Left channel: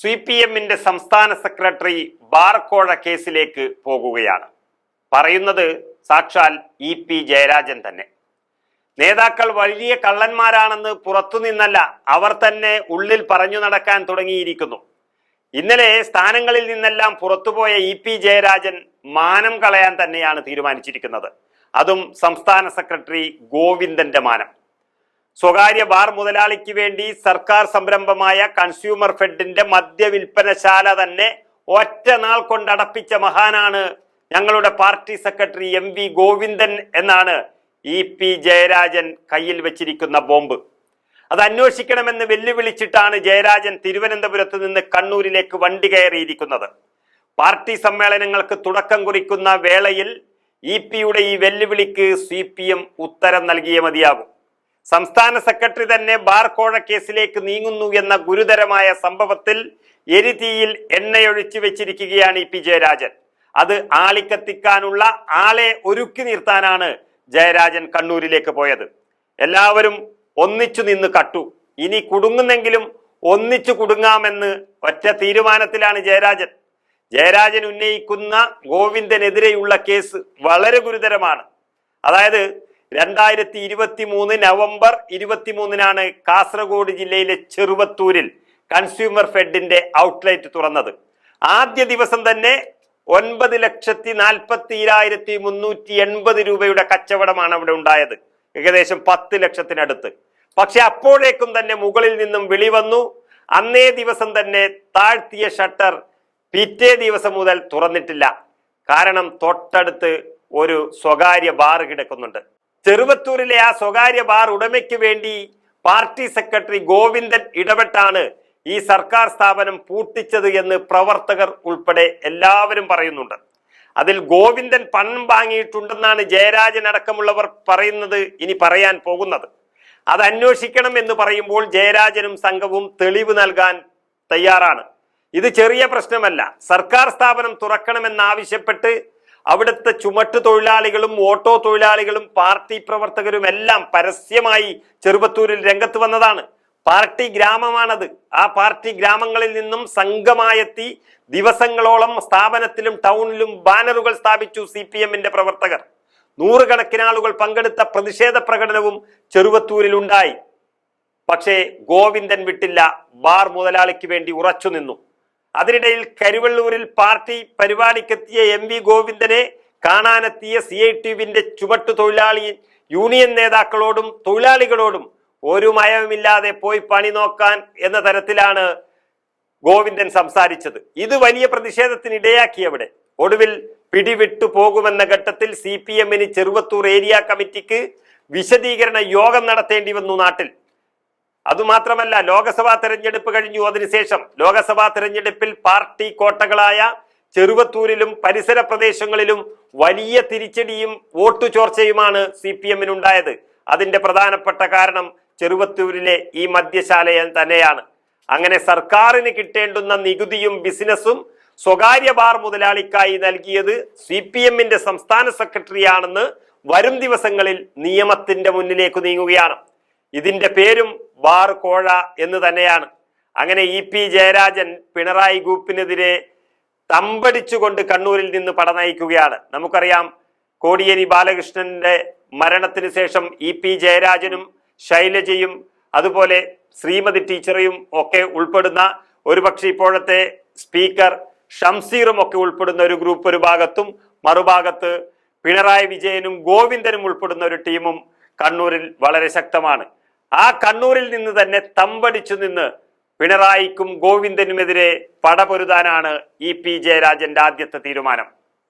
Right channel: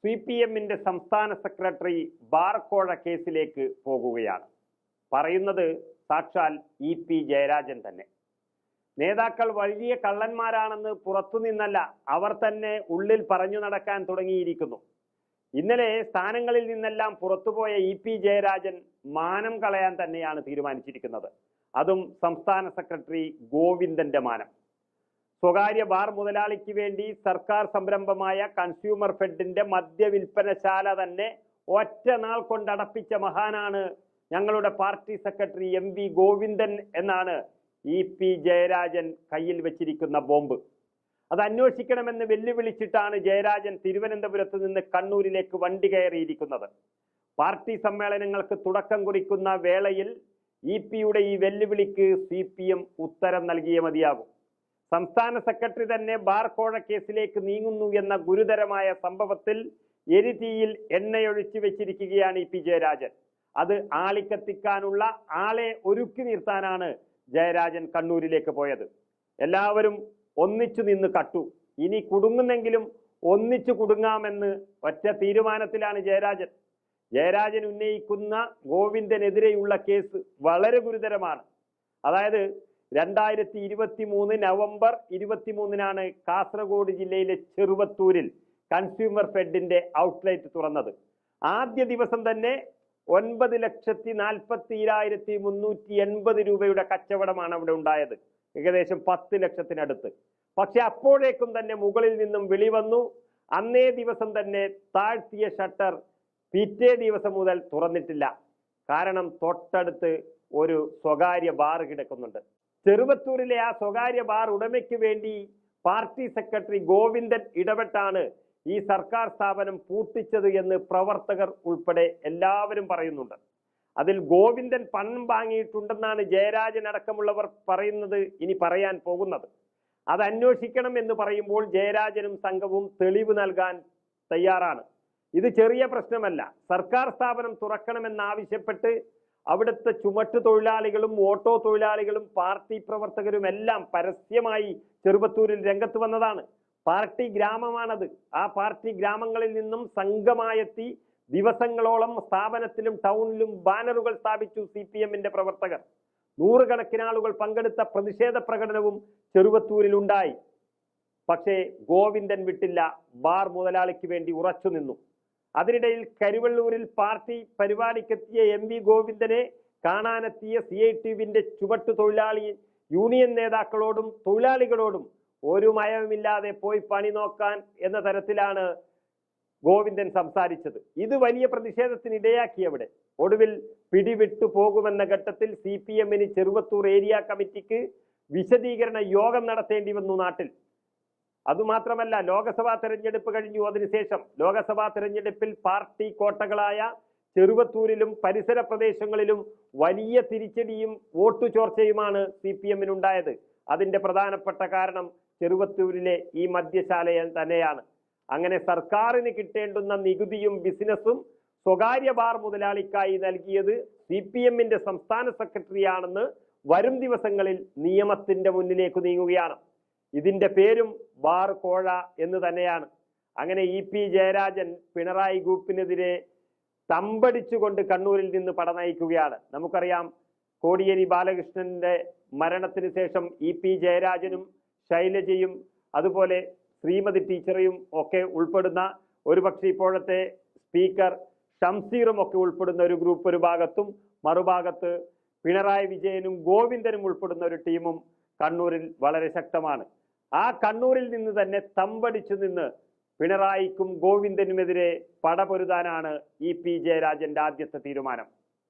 C P എമ്മിന്റെ സംസ്ഥാന secretary ബാർക്കോഴ കേസിലേക്ക് പോകുകയാണ്. പറയുന്നത് സാക്ഷാൽ ഇ പി ജയരാജൻ തന്നെ. നേതാക്കൾ വലിയ കള്ളന്മാരാണെന്ന് പുറത്തുനിന്നല്ല അവർ തന്നെ ഉള്ളിൽ പറഞ്ഞു നടക്കാൻ തുടങ്ങിയിരിക്കുന്നു. ഇന്നലെ സ്ഥാനങ്ങളിൽ നിന്നെല്ലാം പുറത്തുപോയ ഇ പി ജയരാജൻ മാനം കളയാൻ തന്നെയാണ് തീരുമാനിച്ചിരിക്കുന്നത്. അതും സംസ്ഥാന സെക്രട്ടറി ഗോവിന്ദന്റെ മാനം. സ്വകാര്യ ബാർ മുതലാളിക്ക് വേണ്ടി സർക്കാർ സംരംഭമായ കൺസ്യൂമർ ഫെഡിന്റെ മദ്യവിൽപ്പനശാല തന്നെ ഒറ്റ നാൾ കൊണ്ടടപ്പിച്ച മഹാനാണ് ഞങ്ങളുടെ party secretary M V Govindan എന്നാണ് ഇ പി ജയരാജൻ കയ്യിൽ വെച്ചിരിക്കുന്ന ബോംബ്. അത് അന്വേഷിക്കണമെന്ന് വെല്ലുവിളിച്ചിട്ടാണ് ജയരാജൻ തിരുവനന്തപുരത്ത് നിന്ന് കണ്ണൂരിലേക്ക് വണ്ടി കയറിയിരിക്കുന്നത്. പാർട്ടി സമ്മേളനങ്ങൾക്ക് തുടക്കം കുറിക്കുന്ന വേളയിൽ ഇ പിയുടെ ഈ വെല്ലുവിളിക്ക് സി പി എം ഉത്തരം നൽകിയേ മതിയാകും. സംസ്ഥാന സെക്രട്ടറി തന്നെ ബാർ കോഴ കേസിലേക്ക് നീങ്ങുന്നു എന്ന ഗുരുതരമായ സംഭവത്തിൽ എരിതീയിൽ എണ്ണയൊഴിച്ചു വെച്ചിരിക്കുകയാണ് ഇ പി ജയരാജൻ. അത് ആളിക്കത്തിക്കാനുള്ള ആളെ ഒരുക്കി നിർത്താനാണ് ജയരാജൻ കണ്ണൂരിലേക്ക് പോയത്. എല്ലാവരും ഒന്നിച്ചു നിന്ന് കട്ടു. ഇനി കുടുങ്ങുന്നെങ്കിലും ഒന്നിച്ചു കുടുങ്ങാമെന്ന് ഒറ്റ തീരുമാനത്തിലാണ് ജയരാജൻ. ജയരാജൻ ഉന്നയിക്കുന്ന ഗോവിന്ദനെതിരെയുള്ള കേസ് വളരെ ഗുരുതരമാണ്. അതായത് രണ്ടായിരത്തി ഇരുപത്തി മൂന്ന് നവംബർ ഇരുപത്തിമൂന്നിനാണ് കാസർഗോഡ് ജില്ലയിലെ ചെറുവത്തൂരിൽ കൺസ്യൂമർ ഫെഡിന്റെ ഔട്ട്ലെറ്റ് തുറന്നത്. ആദ്യ ദിവസം തന്നെ ഒൻപത് ലക്ഷത്തി നാൽപ്പത്തി ഇരായിരത്തി മുന്നൂറ്റി എൺപത് രൂപയുടെ കച്ചവടമാണ് അവിടെ ഉണ്ടായത്. ഏകദേശം പത്ത് ലക്ഷത്തിനടുത്ത്. പക്ഷെ അപ്പോഴേക്കും തന്നെ മുകളിൽ നിന്നും വിളി വന്നു. അന്നേ ദിവസം തന്നെ താഴ്ത്തിയ ഷട്ടർ പിറ്റേ ദിവസം മുതൽ തുറന്നിട്ടില്ല. കാരണം തൊട്ടടുത്ത് ഒരു സ്വകാര്യ ബാർ കിടക്കുന്നുണ്ട്. ചെറുവത്തൂരിലെ ആ സ്വകാര്യ ബാർ ഉടമയ്ക്ക് വേണ്ടി പാർട്ടി സെക്രട്ടറി ഗോവിന്ദൻ ഇടപെട്ടാണ് ഈ സർക്കാർ സ്ഥാപനം പൂട്ടിച്ചത് എന്ന് പ്രവർത്തകർ ഉൾപ്പെടെ എല്ലാവരും പറയുന്നുണ്ട്. അതിൽ ഗോവിന്ദൻ പണം വാങ്ങിയിട്ടുണ്ടെന്നാണ് ജയരാജൻ അടക്കമുള്ളവർ പറയുന്നത് ഇനി പറയാൻ പോകുന്നത്. അത് അന്വേഷിക്കണം എന്ന് പറയുമ്പോൾ ജയരാജനും സംഘവും തെളിവ് നൽകാൻ തയ്യാറാണ്. ഇത് ചെറിയ പ്രശ്നമല്ല. സർക്കാർ സ്ഥാപനം തുറക്കണമെന്നാവശ്യപ്പെട്ട് അവിടുത്തെ ചുമട്ട് തൊഴിലാളികളും ഓട്ടോ തൊഴിലാളികളും പാർട്ടി പ്രവർത്തകരും എല്ലാം പരസ്യമായി ചെറുപത്തൂരിൽ രംഗത്ത് വന്നതാണ്. പാർട്ടി ഗ്രാമമാണത്. ആ പാർട്ടി ഗ്രാമങ്ങളിൽ നിന്നും സംഘമായെത്തി ദിവസങ്ങളോളം സ്ഥാപനത്തിലും ടൗണിലും ബാനറുകൾ സ്ഥാപിച്ചു സി പി എമ്മിന്റെ പ്രവർത്തകർ. നൂറുകണക്കിന് ആളുകൾ പങ്കെടുത്ത പ്രതിഷേധ പ്രകടനവും ചെറുവത്തൂരിൽ ഉണ്ടായി. പക്ഷേ ഗോവിന്ദൻ വിട്ടില്ല ബാർ മുതലാളിക്ക് വേണ്ടി ഉറച്ചു നിന്നു അതിനിടയിൽ കരുവള്ളൂരിൽ പാർട്ടി പരിപാടിക്കെത്തിയ എം വി ഗോവിന്ദനെ കാണാനെത്തിയ സി ഐ ടിവിന്റെ ചുവട്ടു തൊഴിലാളി യൂണിയൻ നേതാക്കളോടും തൊഴിലാളികളോടും ഒരു മയവുമില്ലാതെ പോയി പണി നോക്കാൻ എന്ന തരത്തിലാണ് ഗോവിന്ദൻ സംസാരിച്ചത്. ഇത് വലിയ പ്രതിഷേധത്തിന് ഇടയാക്കി അവിടെ. ഒടുവിൽ പിടിവിട്ടു പോകുമെന്ന ഘട്ടത്തിൽ സി പി എമ്മിന് ചെറുവത്തൂർ ഏരിയ കമ്മിറ്റിക്ക് വിശദീകരണ യോഗം നടത്തേണ്ടി വന്നു നാട്ടിൽ. അതുമാത്രമല്ല ലോക്സഭാ തെരഞ്ഞെടുപ്പ് കഴിഞ്ഞു. അതിനുശേഷം ലോകസഭാ തെരഞ്ഞെടുപ്പിൽ പാർട്ടി കോട്ടകളായ ചെറുവത്തൂരിലും പരിസര പ്രദേശങ്ങളിലും വലിയ തിരിച്ചടിയും വോട്ടു ചോർച്ചയുമാണ് സി പി എമ്മിനുണ്ടായത്. അതിന്റെ പ്രധാനപ്പെട്ട കാരണം ചെറുവത്തൂരിലെ ഈ മദ്യശാല തന്നെയാണ്. അങ്ങനെ സർക്കാരിന് കിട്ടേണ്ടുന്ന നികുതിയും ബിസിനസ്സും സ്വകാര്യ ബാർ മുതലാളിക്കായി നൽകിയത് സി പി എമ്മിന്റെ സംസ്ഥാന സെക്രട്ടറിയാണെന്ന് വരും ദിവസങ്ങളിൽ നിയമത്തിന്റെ മുന്നിലേക്ക് നീങ്ങുകയാണ്. ഇതിന്റെ പേരും ബാർ കോഴ എന്ന് തന്നെയാണ്. അങ്ങനെ ഇ പി ജയരാജൻ പിണറായി ഗ്രൂപ്പിനെതിരെ തമ്പടിച്ചുകൊണ്ട് കണ്ണൂരിൽ നിന്ന് പട നയിക്കുകയാണ്. നമുക്കറിയാം കോടിയേരി ബാലകൃഷ്ണന്റെ മരണത്തിന് ശേഷം ഇ പി ജയരാജനും ശൈലജയും അതുപോലെ ശ്രീമതി ടീച്ചറയും ഒക്കെ ഉൾപ്പെടുന്ന ഒരുപക്ഷെ ഇപ്പോഴത്തെ സ്പീക്കർ ഷംസീറും ഒക്കെ ഉൾപ്പെടുന്ന ഒരു ഗ്രൂപ്പ് ഒരു ഭാഗത്തും മറുഭാഗത്ത് പിണറായി വിജയനും ഗോവിന്ദനും ഉൾപ്പെടുന്ന ഒരു ടീമും കണ്ണൂരിൽ വളരെ ശക്തമാണ്. ആ കണ്ണൂരിൽ നിന്ന് തന്നെ തമ്പടിച്ചു നിന്ന് പിണറായിക്കും ഗോവിന്ദനുമെതിരെ പടപൊരുതാനാണ് ഇ പി ജയരാജന്റെ ആദ്യത്തെ തീരുമാനം.